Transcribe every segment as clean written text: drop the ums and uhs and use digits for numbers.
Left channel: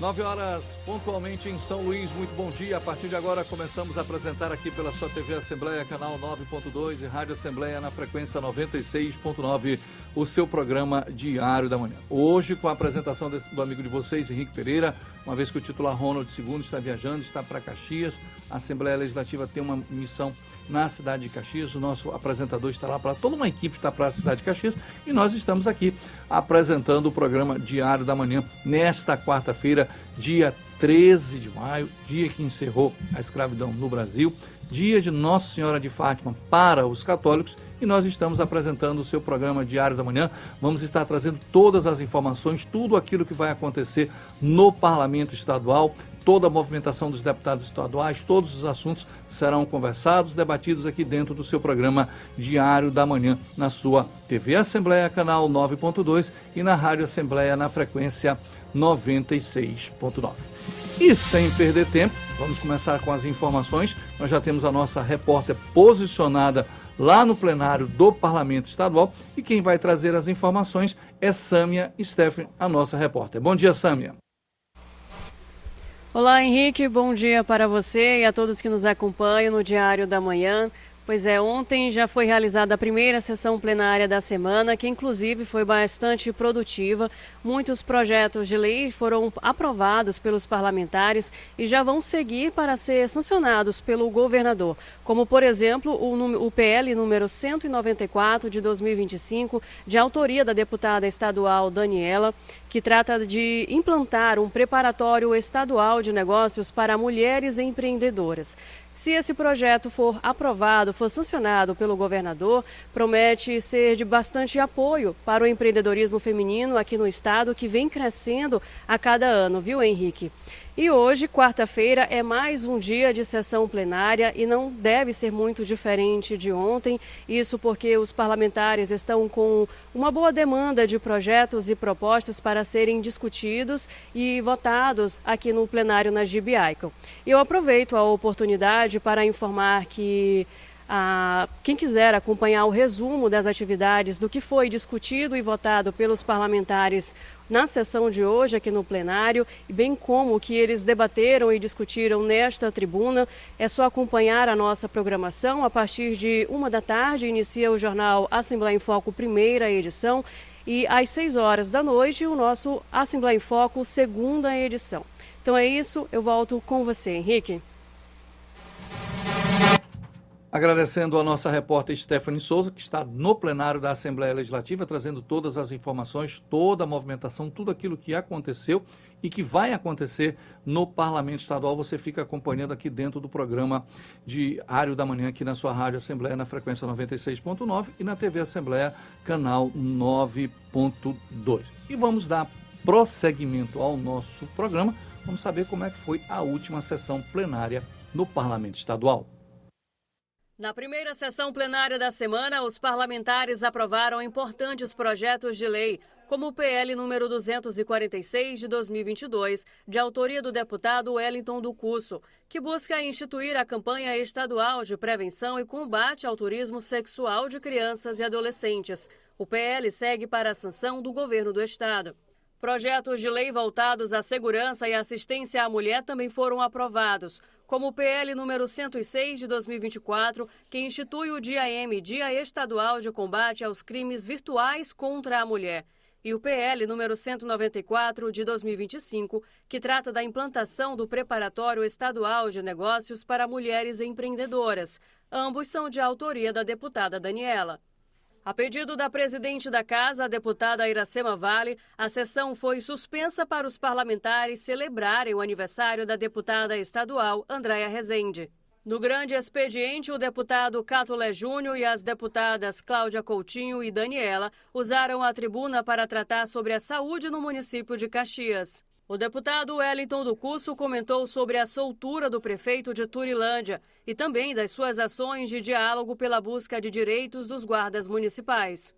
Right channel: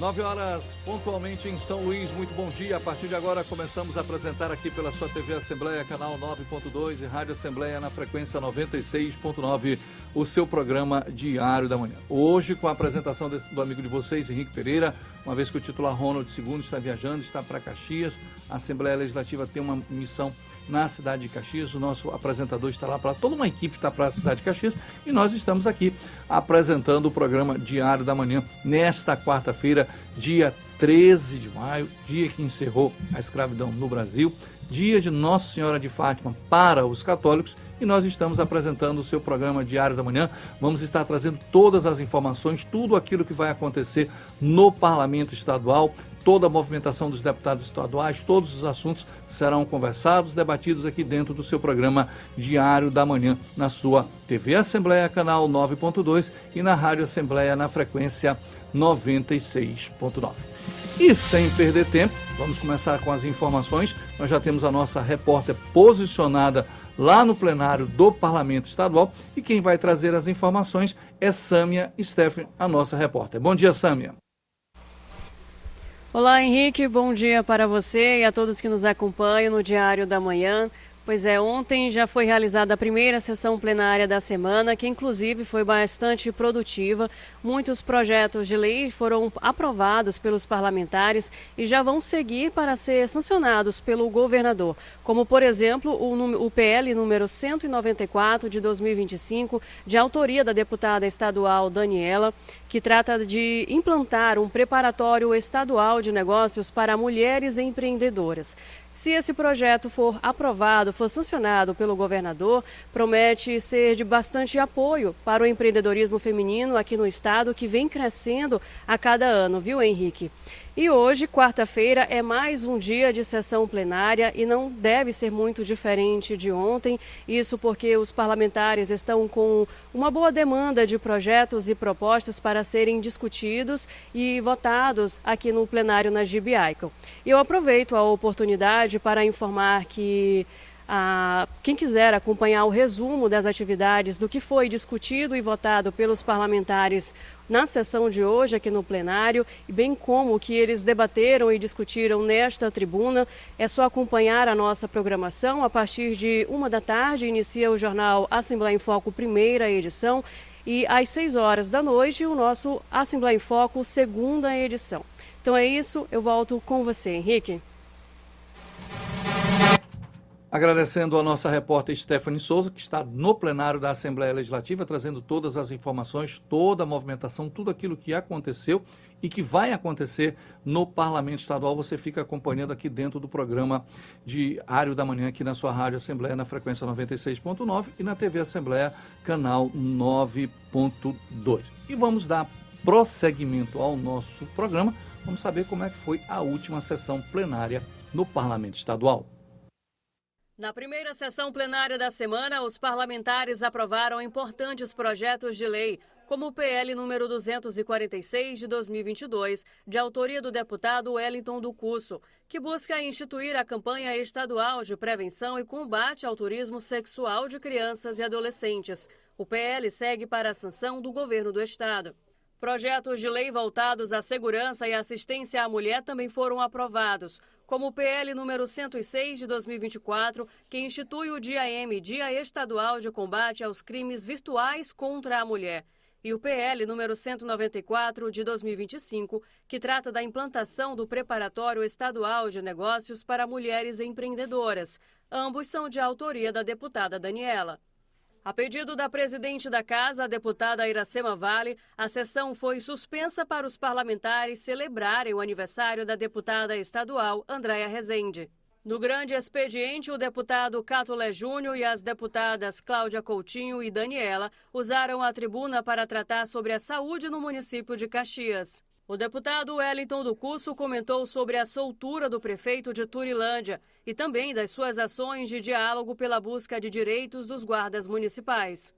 9 horas pontualmente em São Luís, muito bom dia. A partir de agora começamos a apresentar aqui pela sua TV Assembleia, canal 9.2 e Rádio Assembleia na frequência 96.9, o seu programa Diário da Manhã. Hoje com a apresentação do amigo de vocês, Henrique Pereira, uma vez que o titular Ronald II está viajando, está para Caxias. A Assembleia Legislativa tem uma missão na cidade de Caxias, o nosso apresentador está lá, toda uma equipe está para a cidade de Caxias e nós estamos aqui apresentando o programa Diário da Manhã nesta quarta-feira, dia 13 de maio, dia que encerrou a escravidão no Brasil, dia de Nossa Senhora de Fátima para os católicos, e nós estamos apresentando o seu programa Diário da Manhã. Vamos estar trazendo todas as informações, tudo aquilo que vai acontecer no Parlamento Estadual, toda a movimentação dos deputados estaduais, todos os assuntos serão conversados, debatidos aqui dentro do seu programa Diário da Manhã, na sua TV Assembleia, canal 9.2 e na Rádio Assembleia na frequência 96.9. E sem perder tempo, vamos começar com as informações. Nós já temos a nossa repórter posicionada lá no plenário do Parlamento Estadual e quem vai trazer as informações é Sâmia Steffen, a nossa repórter. Bom dia, Sâmia. Olá, Henrique, bom dia para você e a todos que nos acompanham no Diário da Manhã. Pois é, ontem já foi realizada a primeira sessão plenária da semana, que inclusive foi bastante produtiva. Muitos projetos de lei foram aprovados pelos parlamentares e já vão seguir para ser sancionados pelo governador, como, por exemplo, o PL número 194 de 2025, de autoria da deputada estadual Daniela, que trata de implantar um preparatório estadual de negócios para mulheres empreendedoras. Se esse projeto for aprovado, for sancionado pelo governador, promete ser de bastante apoio para o empreendedorismo feminino aqui no estado, que vem crescendo a cada ano, viu, Henrique? E hoje, quarta-feira, é mais um dia de sessão plenária e não deve ser muito diferente de ontem. Isso porque os parlamentares estão com uma boa demanda de projetos e propostas para serem discutidos e votados aqui no plenário na Gibiaico. E eu aproveito a oportunidade para informar que quem quiser acompanhar o resumo das atividades do que foi discutido e votado pelos parlamentares na sessão de hoje aqui no plenário, bem como o que eles debateram e discutiram nesta tribuna, é só acompanhar a nossa programação. A partir de 13h inicia o jornal Assembleia em Foco, primeira edição, e às 18 da noite o nosso Assembleia em Foco, segunda edição. Então é isso, eu volto com você, Henrique. Agradecendo a nossa repórter Stephanie Souza, que está no plenário da Assembleia Legislativa, trazendo todas as informações, toda a movimentação, tudo aquilo que aconteceu e que vai acontecer no Parlamento Estadual. Você fica acompanhando aqui dentro do programa Diário da Manhã, aqui na sua Rádio Assembleia, na frequência 96.9 e na TV Assembleia, canal 9.2. E vamos dar prosseguimento ao nosso programa. Vamos saber como é que foi a última sessão plenária no Parlamento Estadual. Na primeira sessão plenária da semana, os parlamentares aprovaram importantes projetos de lei, como o PL número 246 de 2022, de autoria do deputado Wellington do Cusso, que busca instituir a campanha estadual de prevenção e combate ao turismo sexual de crianças e adolescentes. O PL segue para a sanção do governo do estado. Projetos de lei voltados à segurança e assistência à mulher também foram aprovados, como o PL número 106 de 2024, que institui o Dia M, Dia Estadual de Combate aos Crimes Virtuais contra a Mulher, e o PL número 194 de 2025, que trata da implantação do Preparatório Estadual de Negócios para Mulheres Empreendedoras. Ambos são de autoria da deputada Daniela. A pedido da presidente da Casa, a deputada Iracema Vale, a sessão foi suspensa para os parlamentares celebrarem o aniversário da deputada estadual Andréa Rezende. No grande expediente, o deputado Catolé Júnior e as deputadas Cláudia Coutinho e Daniela usaram a tribuna para tratar sobre a saúde no município de Caxias. O deputado Wellington do Cusso comentou sobre a soltura do prefeito de Turilândia e também das suas ações de diálogo pela busca de direitos dos guardas municipais.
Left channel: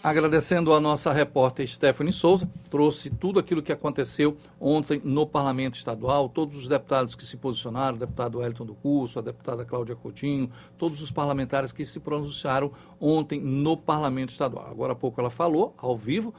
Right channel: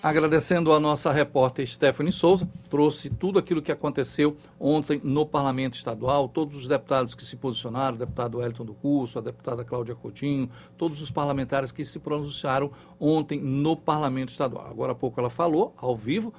Agradecendo a nossa repórter Stephanie Souza, trouxe tudo aquilo que aconteceu ontem no Parlamento Estadual, todos os deputados que se posicionaram, o deputado Wellington do Cusso, a deputada Cláudia Coutinho, todos os parlamentares que se pronunciaram ontem no Parlamento Estadual. Agora há pouco ela falou, ao vivo,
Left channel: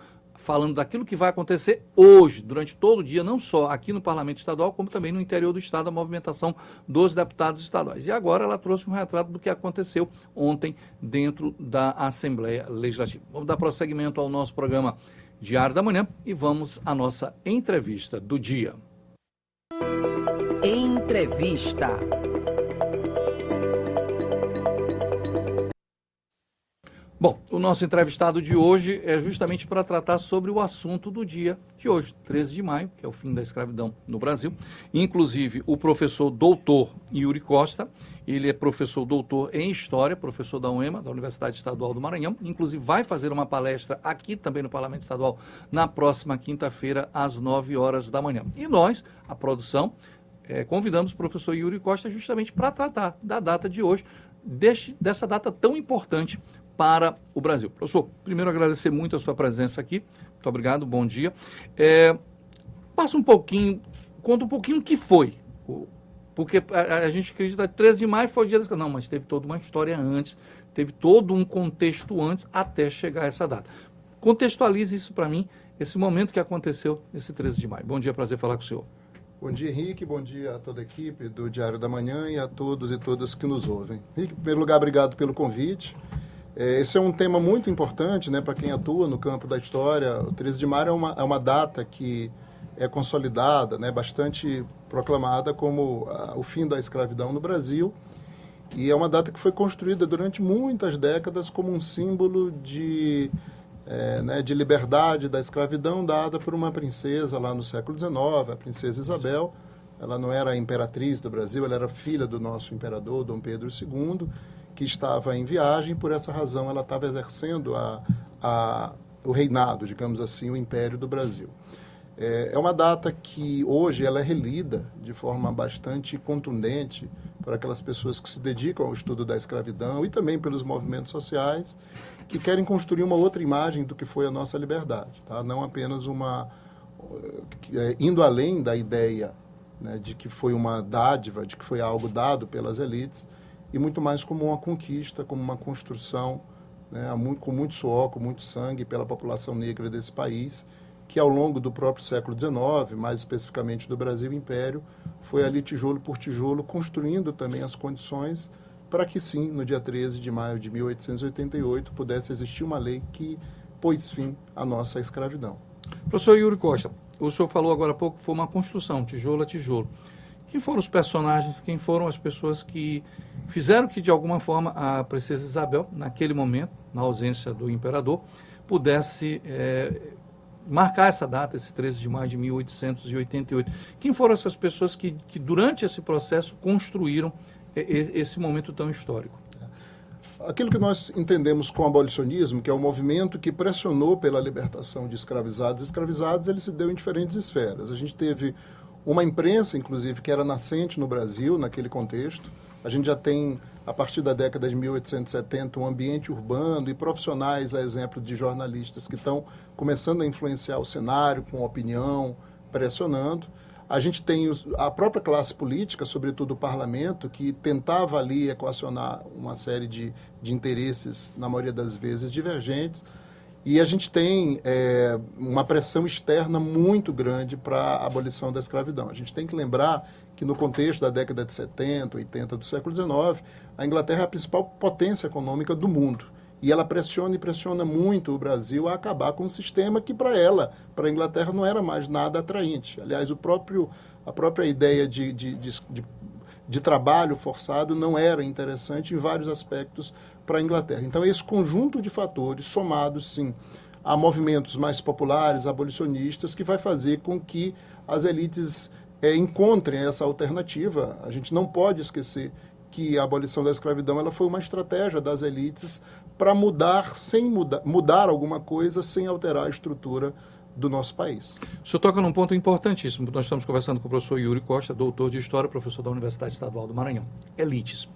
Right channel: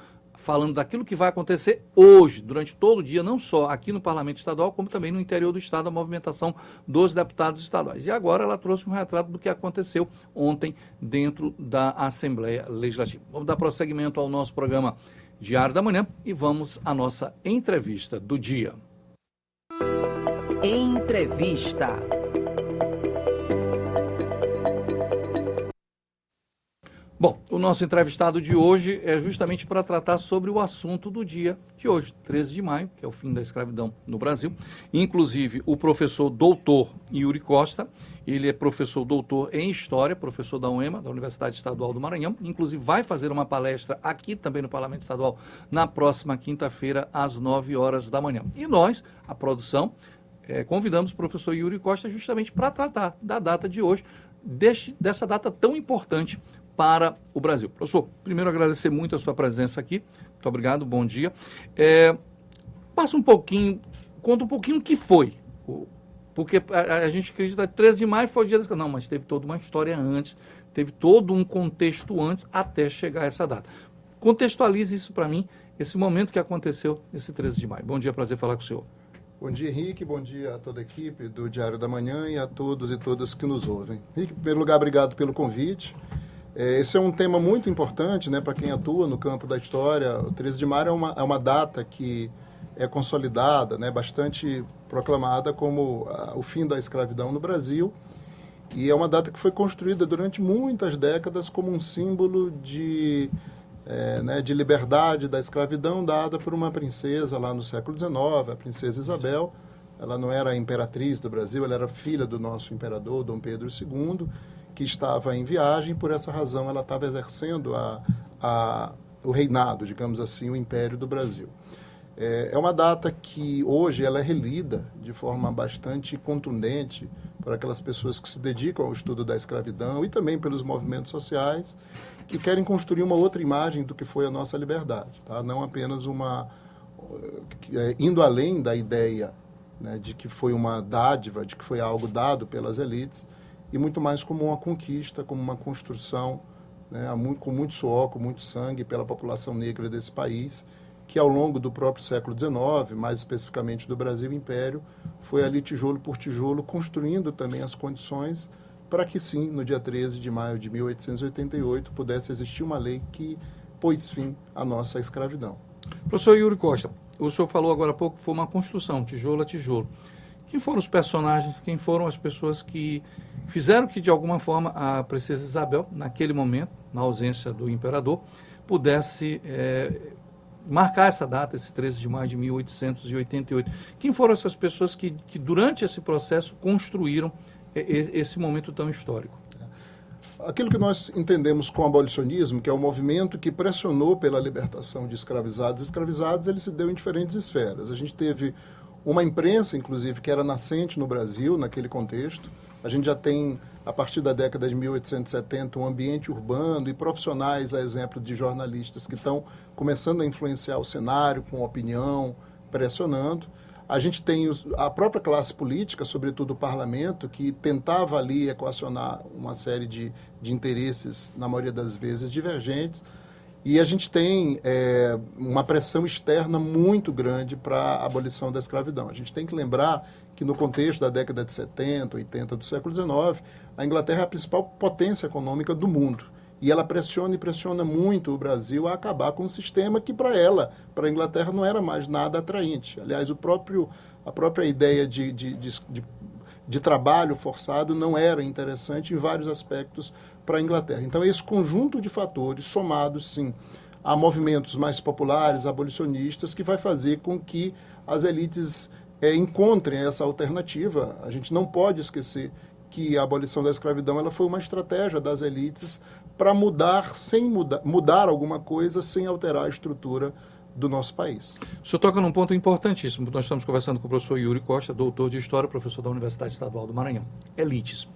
falando daquilo que vai acontecer hoje, durante todo o dia, não só aqui no Parlamento Estadual, como também no interior do Estado, a movimentação dos deputados estaduais. E agora ela trouxe um retrato do que aconteceu ontem dentro da Assembleia Legislativa. Vamos dar prosseguimento ao nosso programa Diário da Manhã e vamos à nossa entrevista do dia. Entrevista. Bom, o nosso entrevistado de hoje é justamente para tratar sobre o assunto do dia de hoje, 13 de maio, que é o fim da escravidão no Brasil. Inclusive, o professor doutor Yuri Costa, ele é professor doutor em História, professor da UEMA, da Universidade Estadual do Maranhão. Inclusive, vai fazer uma palestra aqui também no Parlamento Estadual na próxima quinta-feira, às 9 horas da manhã. E nós, a produção, convidamos o professor Yuri Costa justamente para tratar da data de hoje, dessa data tão importante para o Brasil. Professor, primeiro agradecer muito a sua presença aqui. Muito obrigado, bom dia. Passa um pouquinho, conta um pouquinho o que foi. Porque a gente acredita que 13 de maio foi o dia da escravidão. Não, mas teve toda uma história antes, teve todo um contexto antes até chegar a essa data. Contextualize isso para mim, esse momento que aconteceu esse 13 de maio. Bom dia, prazer falar com o senhor. Bom dia, Henrique. Bom dia a toda a equipe do Diário da Manhã e a todos e todas que nos ouvem. Henrique, em primeiro lugar, obrigado pelo convite. Esse é um tema muito importante, né, para quem atua no campo da história. O 13 de maio é uma data que é consolidada, né, bastante proclamada como o fim da escravidão no Brasil. E é uma data que foi construída durante muitas décadas como um símbolo de liberdade da escravidão dada por uma princesa lá no século XIX, a princesa Isabel. Ela não era a imperatriz do Brasil, ela era filha do nosso imperador, Dom Pedro II, que estava em viagem. Por essa razão ela estava exercendo o reinado, digamos assim, o Império do Brasil. É uma data que hoje ela é relida de forma bastante contundente por aquelas pessoas que se dedicam ao estudo da escravidão e também pelos movimentos sociais que querem construir uma outra imagem do que foi a nossa liberdade, tá? Não apenas indo além da ideia, né, de que foi uma dádiva, de que foi algo dado pelas elites, e muito mais como uma conquista, como uma construção, né, com muito suor, com muito sangue pela população negra desse país, que ao longo do próprio século XIX, mais especificamente do Brasil Império, foi ali tijolo por tijolo construindo também as condições para que sim, no dia 13 de maio de 1888, pudesse existir uma lei que pôs fim à nossa escravidão. Professor Yuri Costa, o senhor falou agora há pouco que foi uma construção, tijolo a tijolo. Quem foram os personagens, quem foram as pessoas que fizeram que, de alguma forma, a princesa Isabel, naquele momento, na ausência do imperador, pudesse marcar essa data, esse 13 de maio de 1888? Quem foram essas pessoas que durante esse processo, construíram esse momento tão histórico? Aquilo que nós entendemos com o abolicionismo, que é um movimento que pressionou pela libertação de escravizados. Escravizados, ele se deu em diferentes esferas. A gente teve uma imprensa, inclusive, que era nascente no Brasil, naquele contexto. A gente já tem, a partir da década de 1870, um ambiente urbano e profissionais, a exemplo de jornalistas que estão começando a influenciar o cenário com opinião, pressionando. A gente tem a própria classe política, sobretudo o parlamento, que tentava ali equacionar uma série de interesses, na maioria das vezes, divergentes. E a gente tem uma pressão externa muito grande para a abolição da escravidão. A gente tem que lembrar que no contexto da década de 70, 80 do século XIX, a Inglaterra é a principal potência econômica do mundo. E ela pressiona e pressiona muito o Brasil a acabar com um sistema que para a Inglaterra, não era mais nada atraente. Aliás, a própria ideia de trabalho forçado não era interessante em vários aspectos para a Inglaterra. Então, esse conjunto de fatores, somados, sim, a movimentos mais populares, abolicionistas, que vai fazer com que as elites encontrem essa alternativa. A gente não pode esquecer que a abolição da escravidão ela foi uma estratégia das elites para mudar alguma coisa sem alterar a estrutura do nosso país. O senhor toca num ponto importantíssimo. Nós estamos conversando com o professor Yuri Costa, doutor de História, professor da Universidade Estadual do Maranhão. Elites.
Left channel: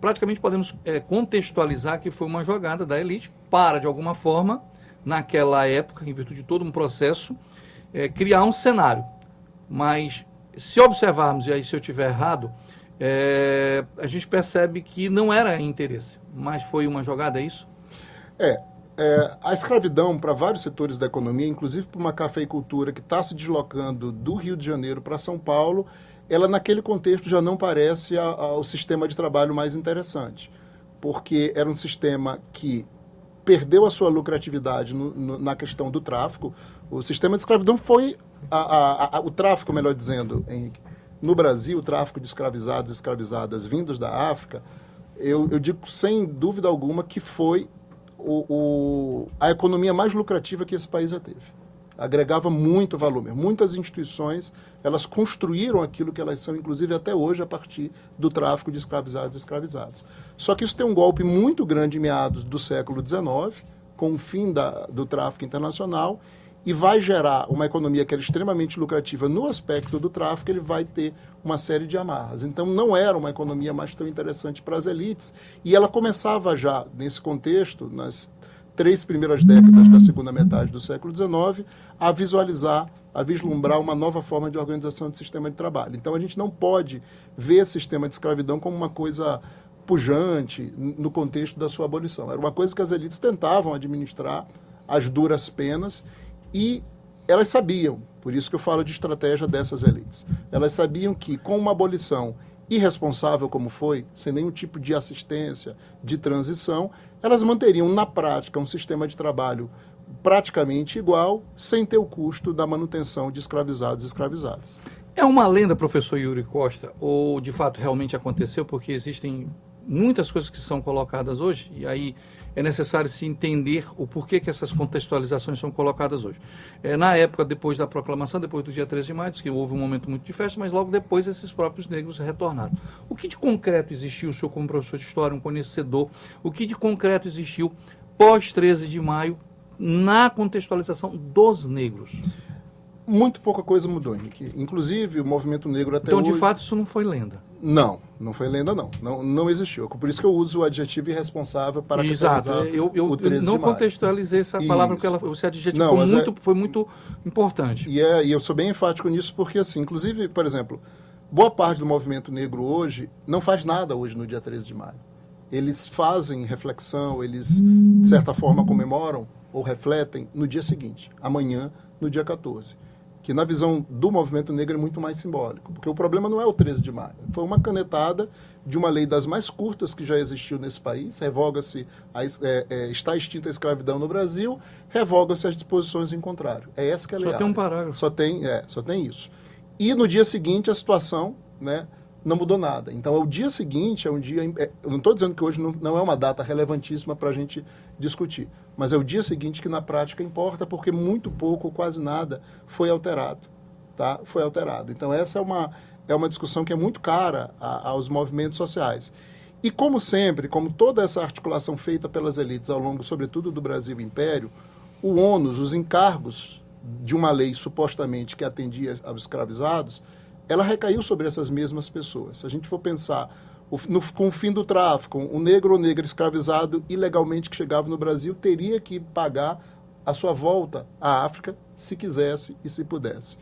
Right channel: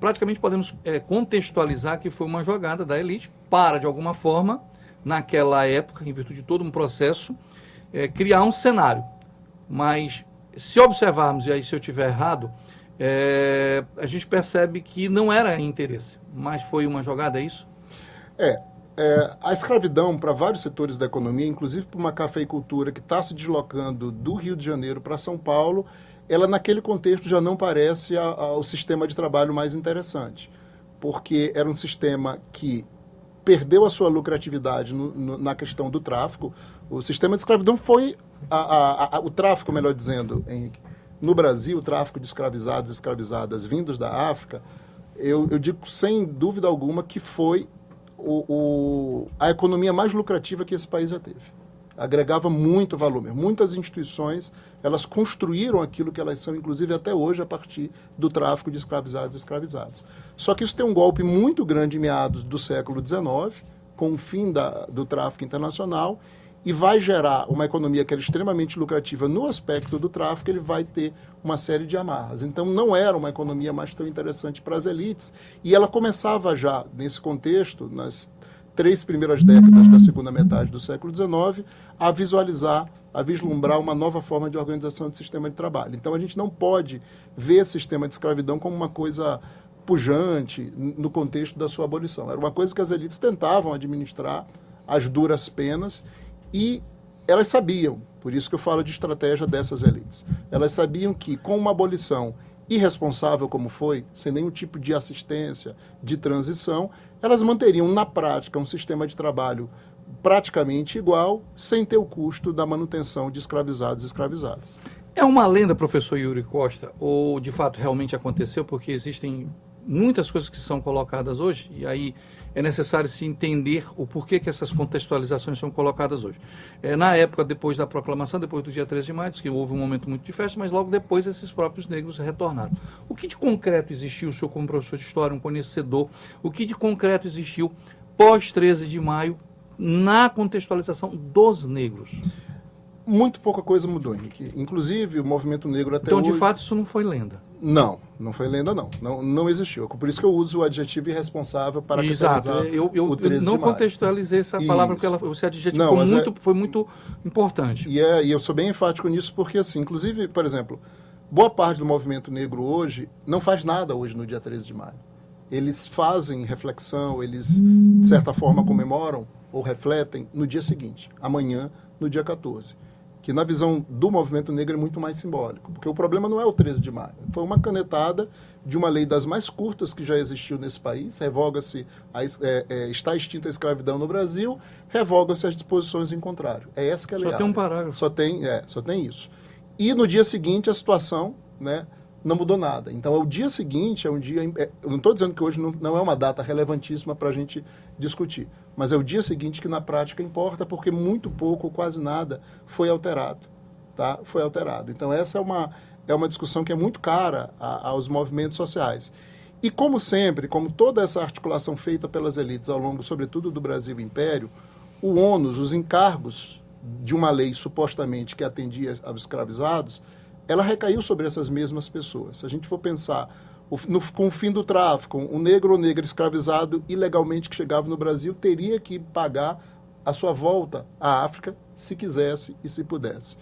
Praticamente podemos contextualizar que foi uma jogada da elite para, de alguma forma, naquela época, em virtude de todo um processo, criar um cenário. Mas, se observarmos, e aí se eu estiver errado, a gente percebe que não era interesse, mas foi uma jogada, é isso? A escravidão para vários setores da economia, inclusive para uma cafeicultura que está se deslocando do Rio de Janeiro para São Paulo, ela naquele contexto já não parece o sistema de trabalho mais interessante, porque era um sistema que perdeu a sua lucratividade na questão do tráfico. O sistema de escravidão foi o tráfico, melhor dizendo, no Brasil, o tráfico de escravizados e escravizadas vindos da África, eu digo sem dúvida alguma que foi a economia mais lucrativa que esse país já teve. Agregava muito valor. Muitas instituições, elas construíram aquilo que elas são, inclusive até hoje, a partir do tráfico de escravizados e escravizadas. Só que isso tem um golpe muito grande em meados do século XIX, com o fim do tráfico internacional, e vai gerar uma economia que era extremamente lucrativa no aspecto do tráfico, ele vai ter uma série de amarras. Então, não era uma economia mais tão interessante para as elites, e ela começava já, nesse contexto, nas 3 primeiras décadas da segunda metade do século XIX, a visualizar, a vislumbrar uma nova forma de organização do sistema de trabalho. Então, a gente não pode ver esse sistema de escravidão como uma coisa pujante no contexto da sua abolição. Era uma coisa que as elites tentavam administrar, as duras penas, e elas sabiam, por isso que eu falo de estratégia dessas elites, elas sabiam que com uma abolição irresponsável como foi, sem nenhum tipo de assistência, de transição, elas manteriam na prática um sistema de trabalho praticamente igual, sem ter o custo da manutenção de escravizados e escravizadas. É uma lenda, professor Yuri Costa, ou de fato realmente aconteceu? Porque existem muitas coisas que são colocadas hoje, e aí é necessário se entender o porquê que essas contextualizações são colocadas hoje. Na época, depois da proclamação, depois do dia 13 de maio, que houve um momento muito de festa, mas logo depois esses próprios negros retornaram. O que de concreto existiu, o senhor como professor de história, um conhecedor, o que de concreto existiu pós 13 de maio na contextualização dos negros? Muito pouca coisa mudou, Henrique. Inclusive, o movimento negro até então, hoje... de fato, isso não foi lenda? Não foi lenda, não existiu. Por isso que eu uso o adjetivo irresponsável para caracterizar o 13 de maio. Não contextualizei essa palavra, porque esse adjetivo foi muito importante. E eu sou bem enfático nisso, porque, assim, inclusive, por exemplo, boa parte do movimento negro hoje não faz nada hoje no dia 13 de maio. Eles fazem reflexão, eles, de certa forma, comemoram ou refletem no dia seguinte, amanhã, no dia 14. Que na visão do movimento negro é muito mais simbólico, porque o problema não é o 13 de maio, foi uma canetada de uma lei das mais curtas que já existiu nesse país, revoga-se, está extinta a escravidão no Brasil, revoga-se as disposições em contrário. É essa que é a lei. Só tem um parágrafo. Só tem isso. E no dia seguinte a situação, né, não mudou nada. Então, o dia seguinte é um dia... Eu não estou dizendo que hoje não é uma data relevantíssima para a gente discutir, mas é o dia seguinte que, na prática, importa, porque muito pouco, quase nada, foi alterado. Tá? Foi alterado. Então, essa é uma discussão que é muito cara aos movimentos sociais. E, como sempre, como toda essa articulação feita pelas elites ao longo, sobretudo, do Brasil Império, o ônus, os encargos de uma lei supostamente que atendia aos escravizados, ela recaiu sobre essas mesmas pessoas. Se a gente for pensar com o fim do tráfico, um negro ou negra escravizado ilegalmente que chegava no Brasil teria que pagar a sua volta à África, se quisesse e se pudesse.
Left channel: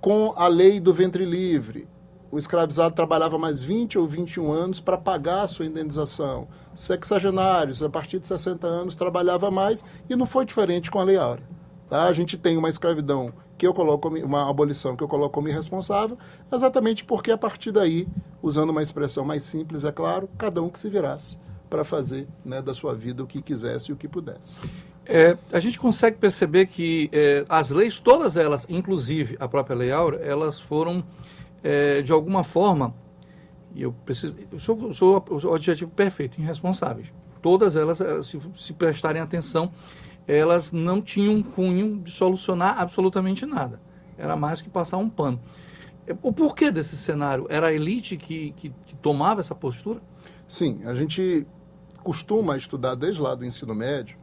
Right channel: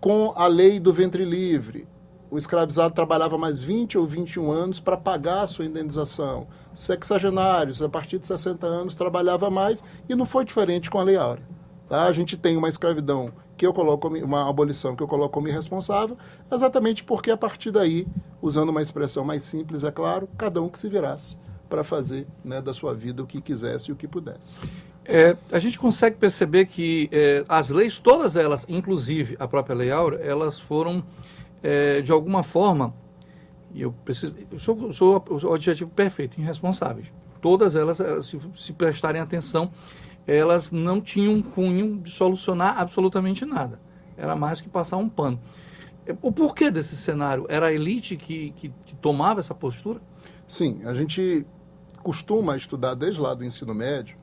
Com a lei do ventre livre, o escravizado trabalhava mais 20 ou 21 anos para pagar a sua indenização. Sexagenários, a partir de 60 anos, trabalhava mais, e não foi diferente com a Lei Áurea. Tá? A gente tem uma escravidão que eu coloco, uma abolição que eu coloco como irresponsável, exatamente porque a partir daí, usando uma expressão mais simples, é claro, cada um que se virasse para fazer, né, da sua vida o que quisesse e o que pudesse. A gente consegue perceber que as leis, todas elas, inclusive a própria Lei Áurea, elas foram, de alguma forma, e eu sou o adjetivo perfeito, irresponsáveis. Todas elas, se prestarem atenção, elas não tinham um cunho de solucionar absolutamente nada. Era mais que passar um pano. O porquê desse cenário? Era a elite que tomava essa postura? Sim, a gente costuma estudar desde lá do ensino médio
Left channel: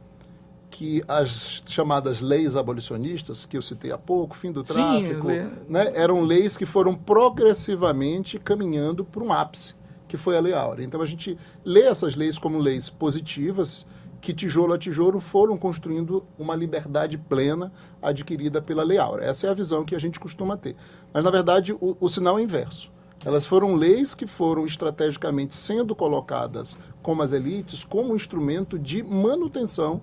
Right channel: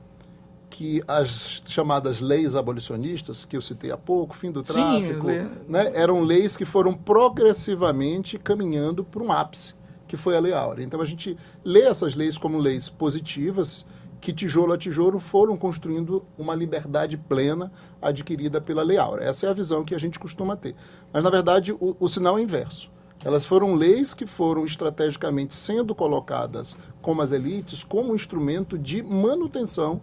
que as chamadas leis abolicionistas, que eu citei há pouco, fim do tráfico, né, eram leis que foram progressivamente caminhando para um ápice, que foi a Lei Áurea. Então a gente lê essas leis como leis positivas, que tijolo a tijolo foram construindo uma liberdade plena adquirida pela Lei Áurea. Essa é a visão que a gente costuma ter. Mas, na verdade, o sinal é inverso. Elas foram leis que foram estrategicamente sendo colocadas como as elites, como um instrumento de manutenção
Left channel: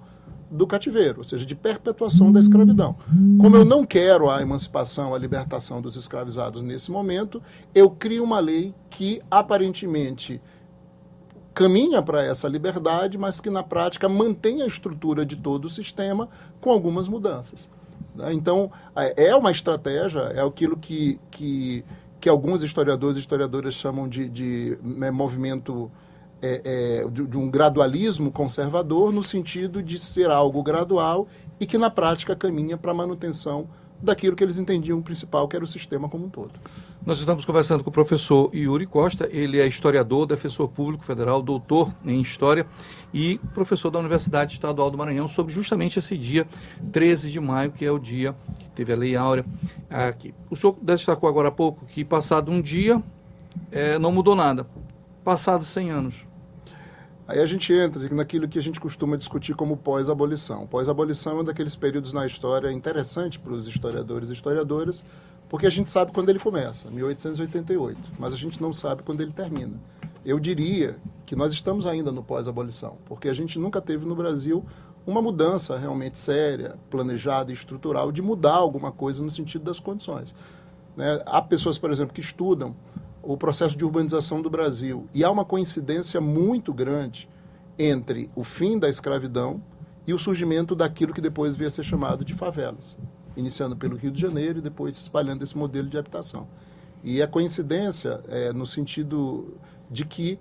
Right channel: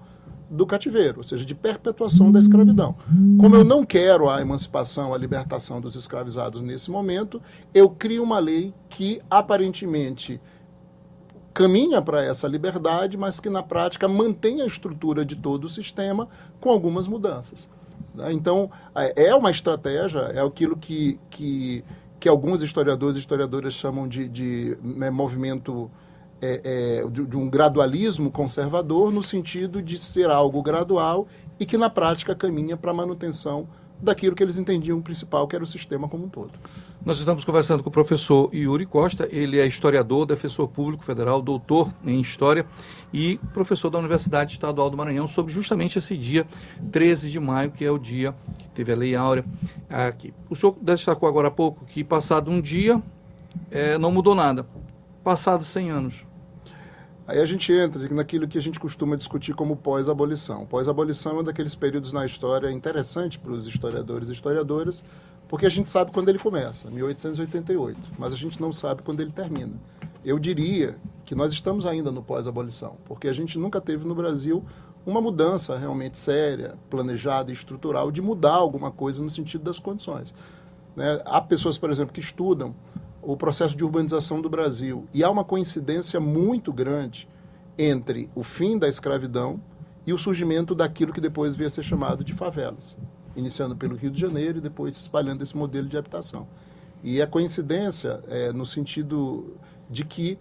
do cativeiro, ou seja, de perpetuação da escravidão. Como eu não quero a emancipação, a libertação dos escravizados nesse momento, eu crio uma lei que aparentemente caminha para essa liberdade, mas que na prática mantém a estrutura de todo o sistema com algumas mudanças. Então, é uma estratégia, é aquilo que alguns historiadores e historiadoras chamam de movimento de um gradualismo conservador, no sentido de ser algo gradual e que na prática caminha para a manutenção daquilo que eles entendiam principal, que era o sistema como um todo. Nós estamos conversando com o professor Yuri Costa, ele é historiador, defensor público federal, doutor em História e professor da Universidade Estadual do Maranhão, sobre justamente esse dia 13 de maio, que é o dia que teve a Lei Áurea aqui. O senhor destacou agora há pouco que passado um dia não mudou nada, passado 100 anos. Aí a gente entra naquilo que a gente costuma discutir como pós-abolição. Pós-abolição é um daqueles períodos na história interessante para os historiadores e historiadoras, porque a gente sabe quando ele começa, 1888, mas a gente não sabe quando ele termina. Eu diria que nós estamos ainda no pós-abolição, porque a gente nunca teve no Brasil uma mudança realmente séria, planejada e estrutural de mudar alguma coisa no sentido das condições. Há pessoas, por exemplo, que estudam o processo de urbanização do Brasil, e há uma coincidência muito grande entre o fim da escravidão e o surgimento daquilo que depois veio a ser chamado de favelas, iniciando pelo Rio de Janeiro e depois se espalhando esse modelo de habitação. E a coincidência no sentido de que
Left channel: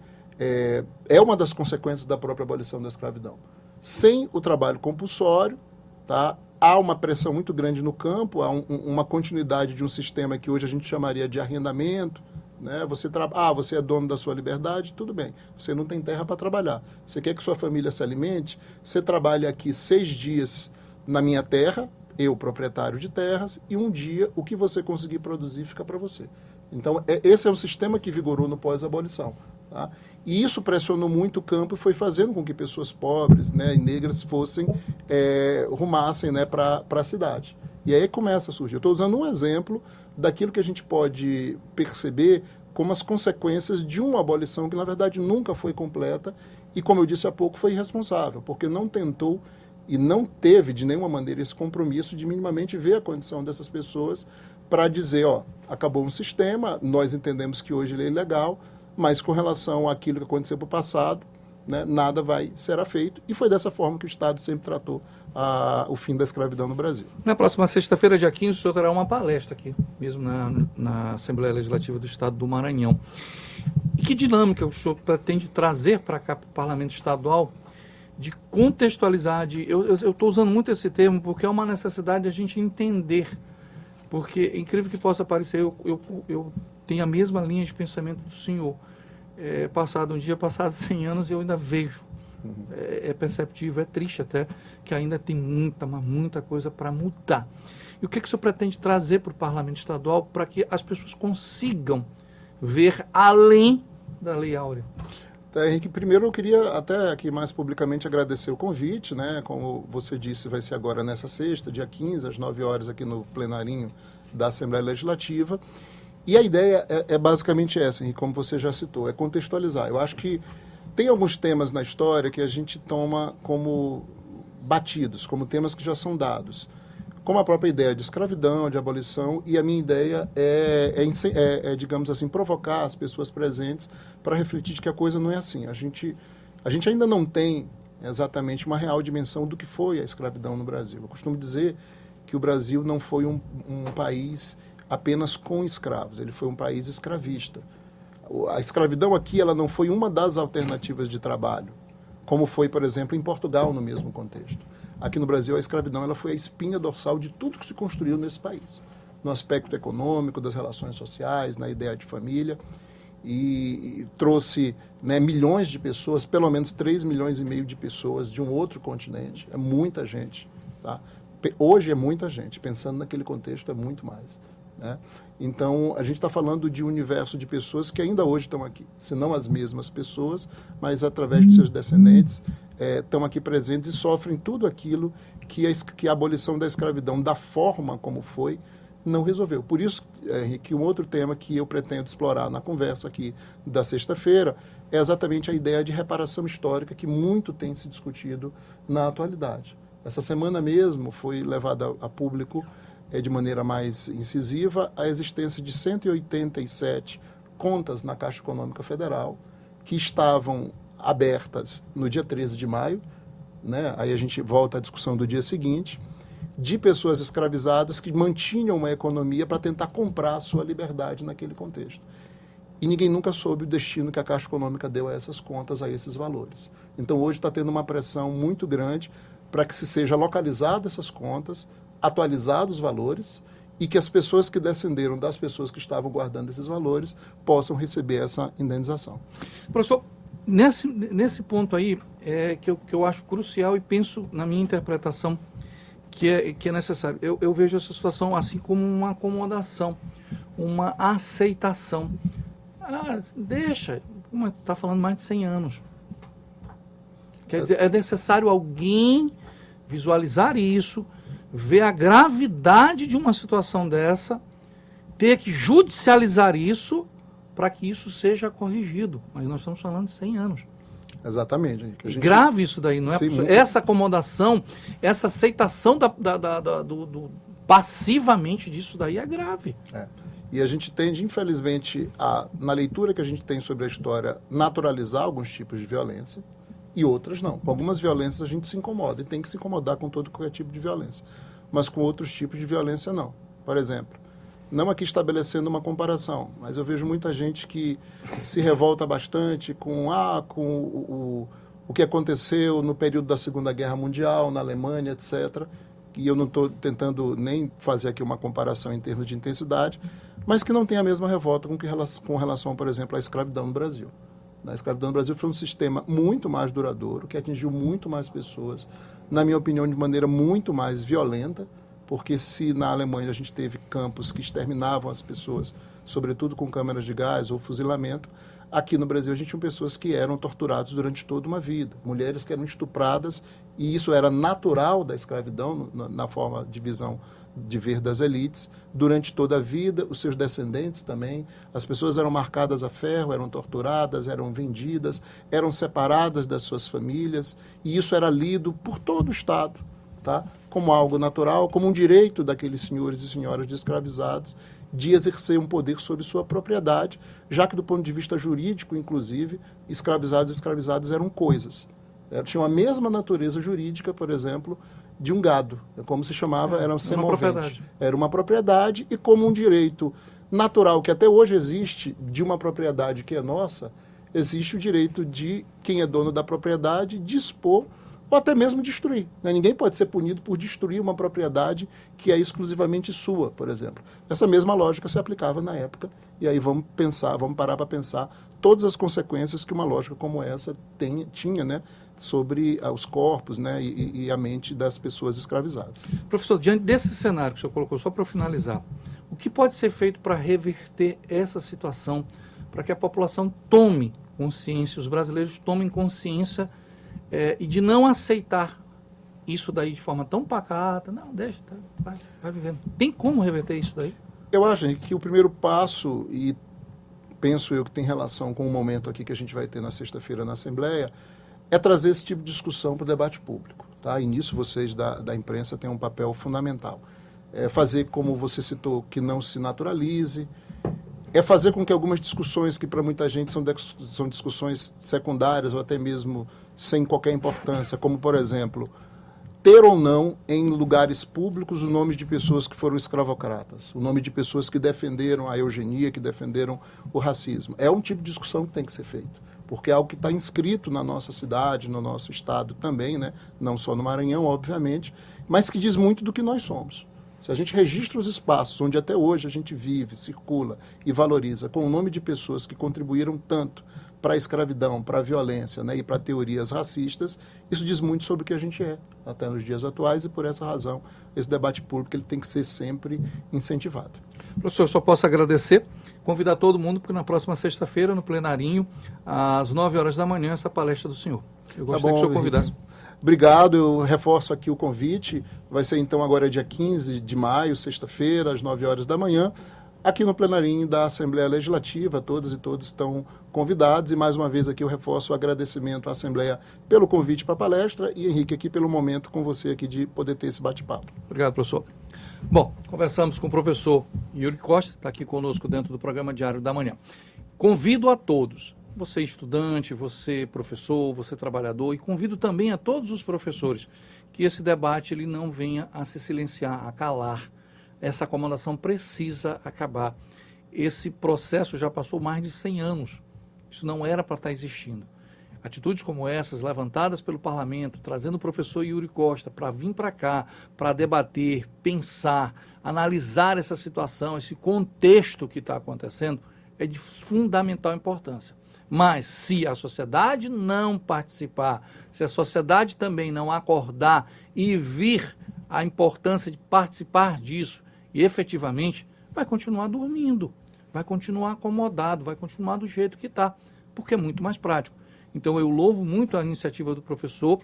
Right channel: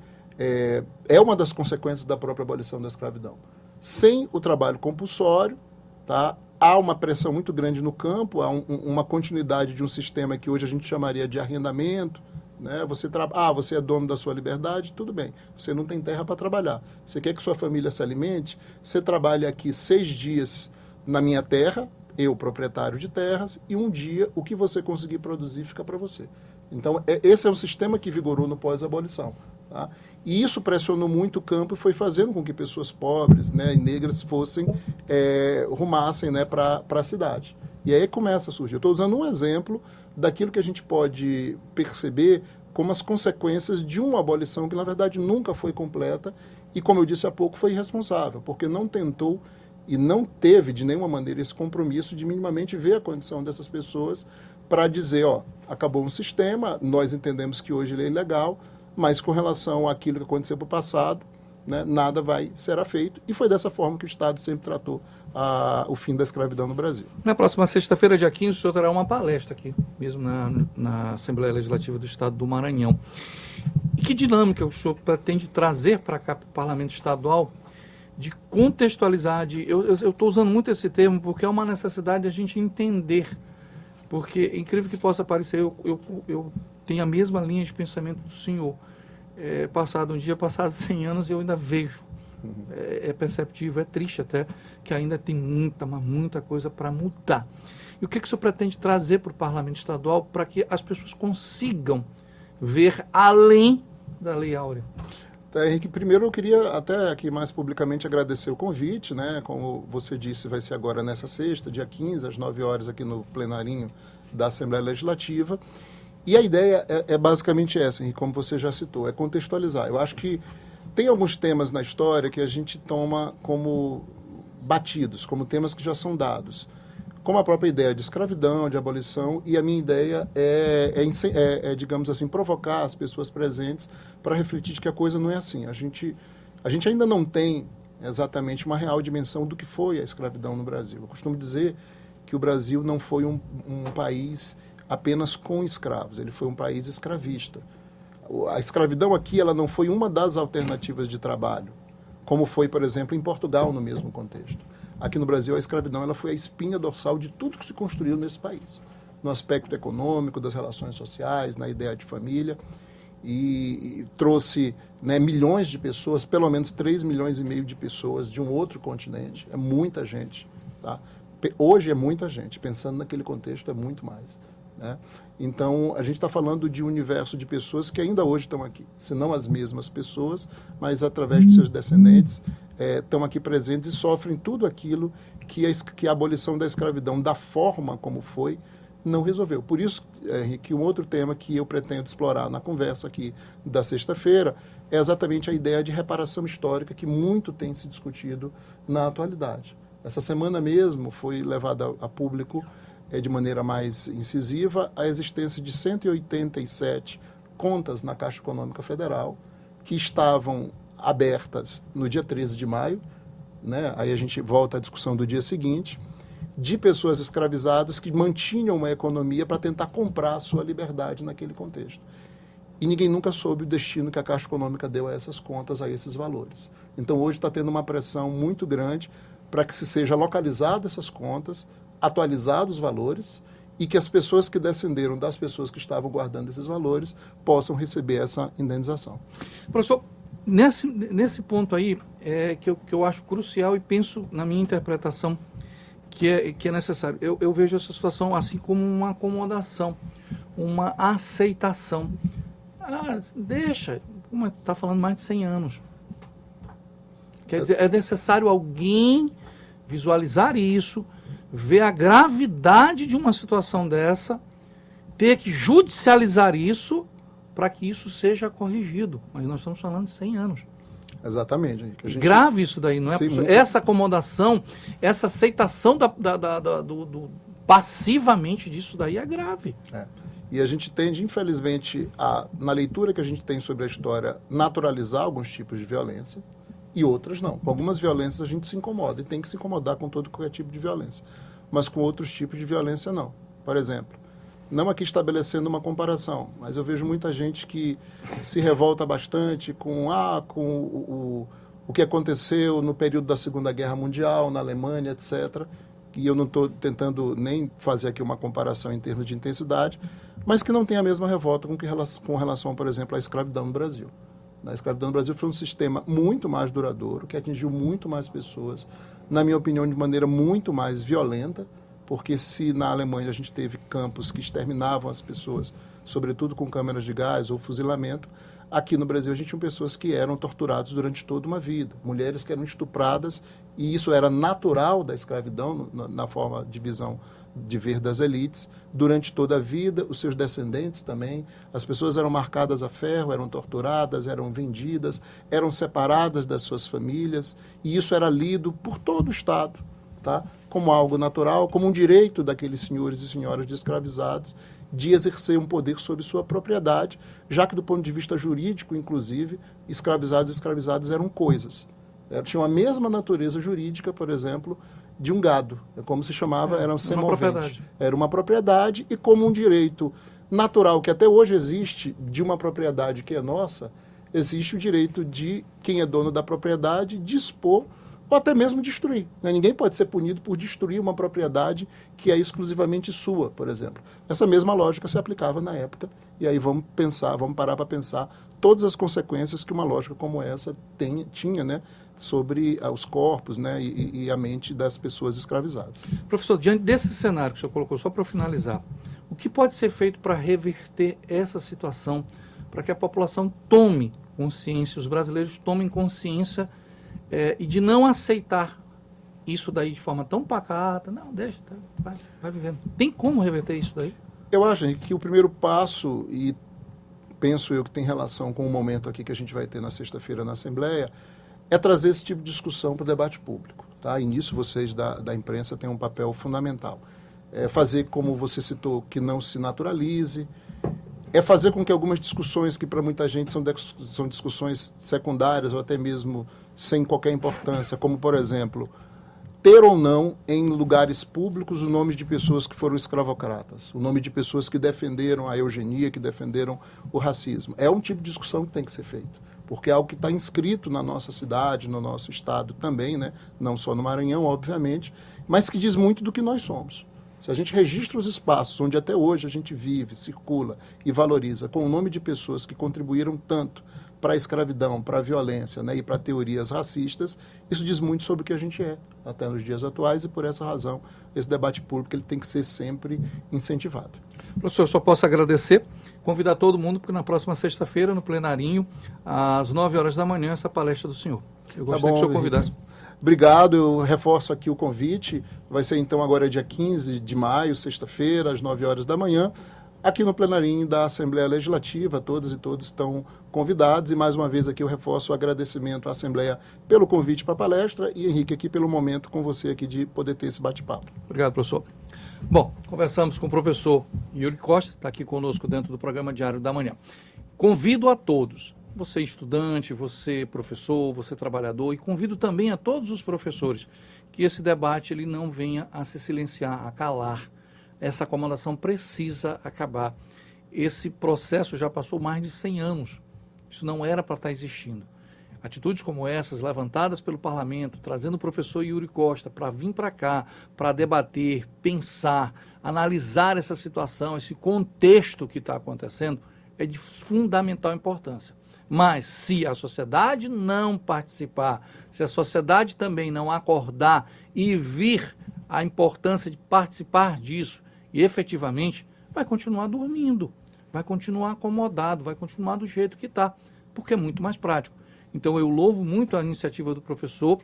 é uma das consequências da própria abolição da escravidão. Sem o trabalho compulsório, tá, há uma pressão muito grande no campo, há uma continuidade de um sistema que hoje a gente chamaria de arrendamento. Você é dono da sua liberdade, tudo bem. Você não tem terra para trabalhar. Você quer que sua família se alimente? Você trabalha aqui 6 dias na minha terra, eu, proprietário de terras, e um dia o que você conseguir produzir fica para você. Então, esse é um sistema que vigorou no pós-abolição. Tá? E isso pressionou muito o campo e foi fazendo com que pessoas pobres, e negras rumassem para a cidade. E aí começa a surgir. Eu estou usando um exemplo daquilo que a gente pode perceber como as consequências de uma abolição que, na verdade, nunca foi completa e, como eu disse há pouco, foi irresponsável, porque não tentou e não teve, de nenhuma maneira, esse compromisso de minimamente ver a condição dessas pessoas para dizer, acabou um sistema, nós entendemos que hoje ele é ilegal, mas com relação àquilo que aconteceu no passado, nada vai ser feito. E foi dessa forma que o Estado sempre tratou o fim da escravidão no Brasil. Na próxima sexta-feira, dia 15, o senhor terá uma palestra aqui, mesmo na Assembleia Legislativa do Estado do Maranhão. E que dinâmica o senhor pretende trazer para cá, para o Parlamento Estadual, de contextualizar, eu estou usando muito esse termo porque é uma necessidade de a gente entender, porque, incrível que possa parecer, eu tenho a mesma linha de pensamento do senhor. Passado um dia, passado 100 anos, eu ainda vejo. É perceptível, é triste até, que ainda tem muita coisa para mudar. E o que o senhor pretende trazer para o Parlamento Estadual para que as pessoas consigam ver além da Lei Áurea? Tá, Henrique, primeiro eu queria até aqui mais publicamente agradecer o convite, como você disse, vai ser agora nessa sexta, dia 15, às 9 horas, aqui no plenarinho da Assembleia Legislativa. E a ideia é basicamente essa, e como você já citou, é contextualizar. Eu acho que tem alguns temas na história que a gente toma como batidos, como temas que já são dados, como a própria ideia de escravidão, de abolição, e a minha ideia digamos assim, provocar as pessoas presentes para refletir de que a coisa não é assim. A gente ainda não tem exatamente uma real dimensão do que foi a escravidão no Brasil. Eu costumo dizer que o Brasil não foi um país apenas com escravos, ele foi um país escravista. A escravidão aqui, ela não foi uma das alternativas de trabalho, como foi, por exemplo, em Portugal, no mesmo contexto. Aqui no Brasil, a escravidão ela foi a espinha dorsal de tudo que se construiu nesse país, no aspecto econômico, das relações sociais, na ideia de família, e trouxe milhões de pessoas, pelo menos 3,5 milhões de pessoas de um outro continente. É muita gente. Tá? Hoje é muita gente, pensando naquele contexto é muito mais. Então, a gente está falando de um universo de pessoas que ainda hoje estão aqui, se não as mesmas pessoas, mas através de seus descendentes, estão aqui presentes e sofrem tudo aquilo que a abolição da escravidão, da forma como foi, não resolveu. Por isso, que um outro tema que eu pretendo explorar na conversa aqui da sexta-feira é exatamente a ideia de reparação histórica que muito tem se discutido na atualidade. Essa semana mesmo foi levada a público, de maneira mais incisiva, a existência de 187 contas na Caixa Econômica Federal que estavam abertas no dia 13 de maio, né? Aí a gente volta à discussão do dia seguinte, de pessoas escravizadas que mantinham uma economia para tentar comprar a sua liberdade naquele contexto. E ninguém nunca soube o destino que a Caixa Econômica deu a essas contas, a esses valores. Então hoje está tendo uma pressão muito grande para que se seja localizado essas contas, atualizados os valores e que as pessoas que descenderam das pessoas que estavam guardando esses valores possam receber essa indenização. Professor, nesse ponto aí que eu acho crucial e penso na minha interpretação que é necessário. Eu vejo essa situação assim como uma acomodação, uma aceitação. Deixa, como está falando mais de 100 anos. Quer dizer, é necessário alguém visualizar isso, ver a gravidade de uma situação dessa, ter que judicializar isso para que isso seja corrigido. Mas nós estamos falando de 100 anos. Exatamente. Grave isso daí, não é? Essa acomodação, essa aceitação passivamente disso daí é grave. E a gente tende, infelizmente, na leitura que a gente tem sobre a história, naturalizar alguns tipos de violência e outras não. Com algumas violências a gente se incomoda e tem que se incomodar com todo qualquer tipo de violência. Mas com outros tipos de violência não. Por exemplo, não aqui estabelecendo uma comparação, mas eu vejo muita gente que se revolta bastante com o que aconteceu no período da Segunda Guerra Mundial, na Alemanha, etc. E eu não estou tentando nem fazer aqui uma comparação em termos de intensidade, mas que não tem a mesma revolta com relação, por exemplo, à escravidão no Brasil. A escravidão no Brasil foi um sistema muito mais duradouro, que atingiu muito mais pessoas, na minha opinião, de maneira muito mais violenta, porque se na Alemanha a gente teve campos que exterminavam as pessoas, sobretudo com câmeras de gás ou fuzilamento, aqui no Brasil a gente tinha pessoas que eram torturadas durante toda uma vida, mulheres que eram estupradas, e isso era natural da escravidão, na forma de visão de ver das elites, durante toda a vida, os seus descendentes também. As pessoas eram marcadas a ferro, eram torturadas, eram vendidas, eram separadas das suas famílias, e isso era lido por todo o Estado, tá? Como algo natural, como um direito daqueles senhores e senhoras de escravizados de exercer um poder sobre sua propriedade, já que do ponto de vista jurídico, inclusive, escravizados e escravizadas eram coisas. Tinham a mesma natureza jurídica, por exemplo, de um gado, como se chamava, era semovente. Era uma propriedade e como um direito natural que até hoje existe de uma propriedade que é nossa, existe o direito de quem é dono da propriedade dispor ou até mesmo destruir. Ninguém pode ser punido por destruir uma propriedade que é exclusivamente sua, por exemplo. Essa mesma lógica se aplicava na época, e aí vamos parar para pensar todas as consequências que uma lógica como essa tinha, né, sobre os corpos, né, e a mente das pessoas escravizadas. Professor, diante desse cenário que o senhor colocou, só para finalizar, o que pode ser feito para reverter essa situação, para que a população tome consciência, os brasileiros tomem consciência e de não aceitar isso daí de forma tão pacata? Não, deixa, vai vivendo. Tem como reverter isso daí? Eu acho que o primeiro passo, e penso eu que tem relação com o momento aqui que a gente vai ter na sexta-feira na Assembleia, é trazer esse tipo de discussão para o debate público. Tá? E nisso vocês da imprensa têm um papel fundamental. É fazer, como você citou, que não se naturalize, é fazer com que algumas discussões que para muita gente são discussões secundárias ou até mesmo sem qualquer importância, como, por exemplo, ter ou não em lugares públicos o nome de pessoas que foram escravocratas, o nome de pessoas que defenderam a eugenia, que defenderam o racismo. É um tipo de discussão que tem que ser feito, porque é algo que está inscrito na nossa cidade, no nosso estado também, né? Não só no Maranhão, obviamente, mas que diz muito do que nós somos. Se a gente registra os espaços onde até hoje a gente vive, circula e valoriza com o nome de pessoas que contribuíram tanto para a escravidão, para a violência, né, e para teorias racistas, isso diz muito sobre o que a gente é, até nos dias atuais, e por essa razão esse debate público ele tem que ser sempre incentivado. Professor, eu só posso agradecer, convidar todo mundo para na próxima sexta-feira, no plenarinho, às 9 horas da manhã, essa palestra do senhor. Eu gostaria que o senhor convidasse. Obrigado, eu reforço aqui o convite, vai ser então agora dia 15 de maio, sexta-feira, às 9 horas da manhã, aqui no plenarinho da Assembleia Legislativa. Todas e todos estão convidados, e mais uma vez aqui eu reforço o agradecimento à Assembleia pelo convite para a palestra e Henrique aqui pelo momento com você aqui de poder ter esse bate-papo. Obrigado, professor. Bom, conversamos com o professor Yuri Costa, está aqui conosco dentro do programa Diário da Manhã. Convido a todos, você estudante, você professor, você trabalhador, e convido também a todos os professores que esse debate ele não venha a se silenciar, a calar. Essa acomodação precisa acabar. Esse processo já passou mais de 100 anos. Isso não era para estar existindo. Atitudes como essas, levantadas pelo parlamento, trazendo o professor Yuri Costa para vir para cá, para debater, pensar, analisar essa situação, esse contexto que está acontecendo, é de fundamental importância. Mas se a sociedade não participar, se a sociedade também não acordar e vir a importância de participar disso, e efetivamente vai continuar dormindo, vai continuar acomodado, vai continuar do jeito que está, porque é muito mais prático. Então eu louvo muito a iniciativa do professor,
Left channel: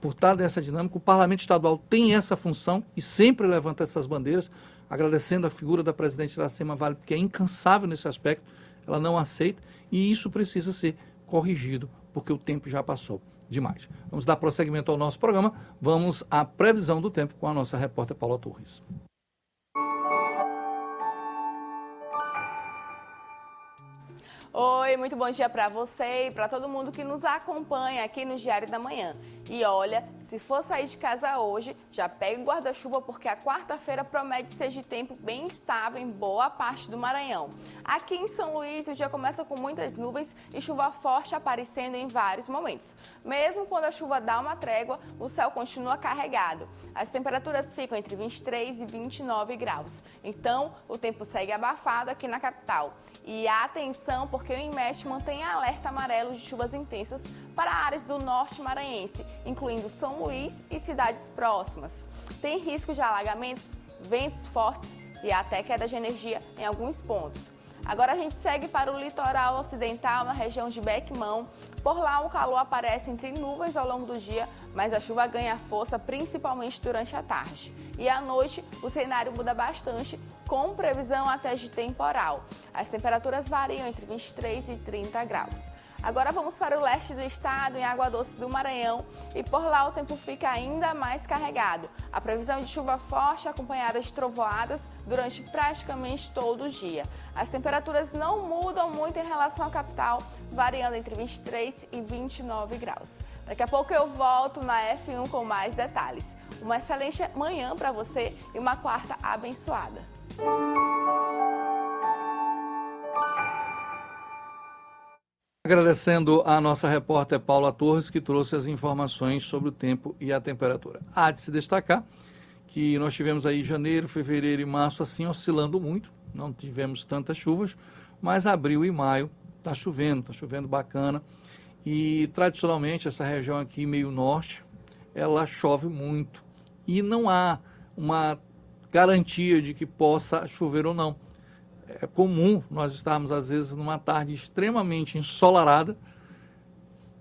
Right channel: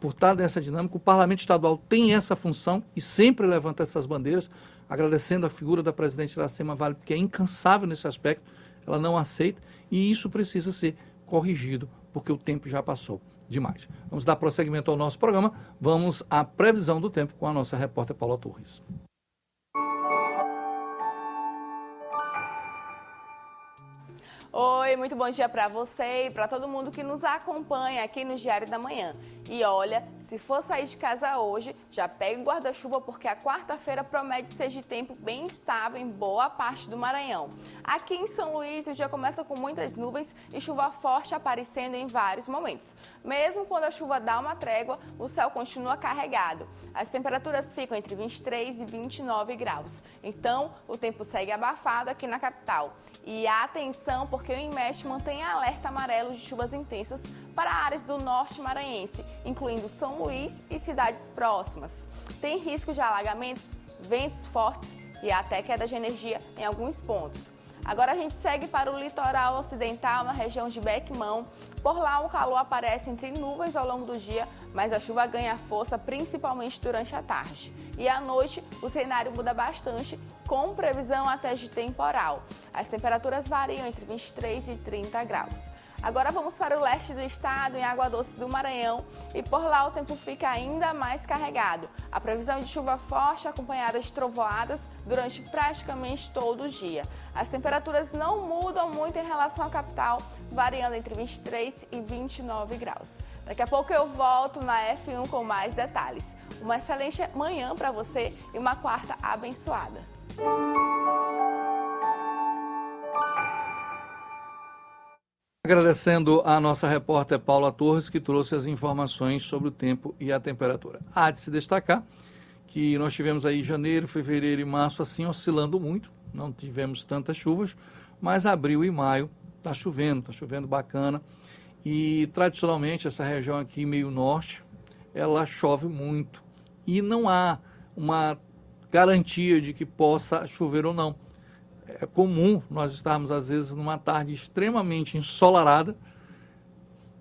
por estar dessa dinâmica. O Parlamento Estadual tem essa função e sempre levanta essas bandeiras, agradecendo a figura da presidente Iracema Vale, porque é incansável nesse aspecto, ela não aceita, e isso precisa ser corrigido, porque o tempo já passou demais. Vamos dar prosseguimento ao nosso programa, vamos à previsão do tempo com a nossa repórter Paula Torres. Oi, muito bom dia para você e para todo mundo que nos acompanha aqui no Diário da Manhã. E olha, se for sair de casa hoje, já pega o guarda-chuva porque a quarta-feira promete ser de tempo bem estável em boa parte do Maranhão. Aqui em São Luís, o dia começa com muitas nuvens e chuva forte aparecendo em vários momentos. Mesmo quando a chuva dá uma trégua, o céu continua carregado. As temperaturas ficam entre 23 e 29 graus. Então, o tempo segue abafado aqui na capital. E atenção, porque o INMET mantém alerta amarelo de chuvas intensas para áreas do norte maranhense, incluindo São Luís e cidades próximas. Tem risco de alagamentos, ventos fortes e até queda de energia em alguns pontos. Agora a gente segue para o litoral ocidental, na região de Bequimão. Por lá o calor aparece entre nuvens ao longo do dia, mas a chuva ganha força principalmente durante a tarde. E à noite o cenário muda bastante, com previsão até de temporal. As temperaturas variam entre 23 e 30 graus. Agora vamos para o leste do estado, em Água Doce do Maranhão, e por lá o tempo fica ainda mais carregado. A previsão de chuva forte acompanhada de trovoadas durante praticamente todo o dia. As temperaturas não mudam muito em relação à capital, variando entre 23 e 29 graus. Daqui a pouco eu volto na F1 com mais detalhes. Uma excelente manhã para você e uma quarta abençoada. Agradecendo a nossa repórter Paula Torres, que trouxe as informações sobre o tempo e a temperatura. Há de se destacar que nós tivemos aí janeiro, fevereiro e março assim oscilando muito, não tivemos tantas chuvas, mas abril e maio está chovendo bacana. E tradicionalmente essa região aqui meio norte, ela chove muito e não há uma garantia de que possa chover ou não. É comum nós estarmos, às vezes, numa tarde extremamente ensolarada,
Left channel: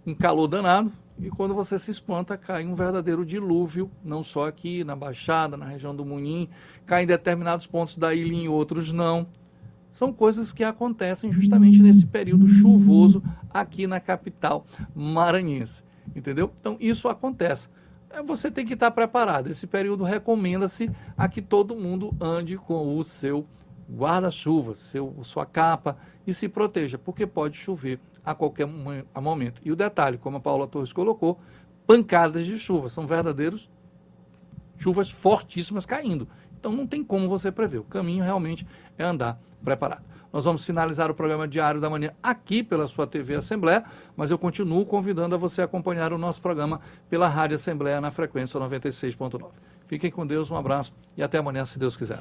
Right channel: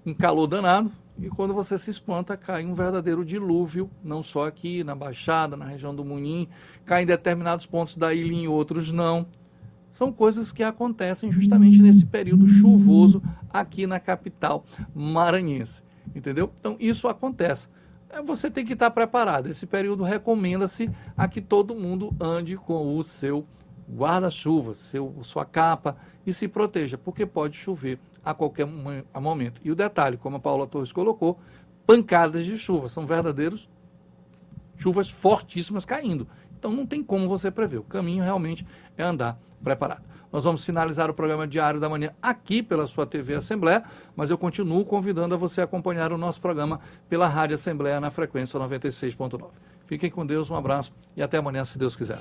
em calor danado, e quando você se espanta, cai um verdadeiro dilúvio, não só aqui, na Baixada, na região do Munim, cai em determinados pontos da ilha e em outros não. São coisas que acontecem justamente nesse período chuvoso aqui na capital maranhense, entendeu? Então, isso acontece. Você tem que estar preparado. Esse período recomenda-se a que todo mundo ande com o seu guarda-chuva, sua capa e se proteja, porque pode chover a qualquer momento. E o detalhe, como a Paula Torres colocou, pancadas de chuva, são verdadeiros chuvas fortíssimas caindo. Então não tem como você prever. O caminho realmente é andar preparado. Nós vamos finalizar o programa Diário da Manhã aqui pela sua TV Assembleia, mas eu continuo convidando a você a acompanhar o nosso programa pela Rádio Assembleia na frequência 96.9. Fiquem com Deus, um abraço e até amanhã, se Deus quiser.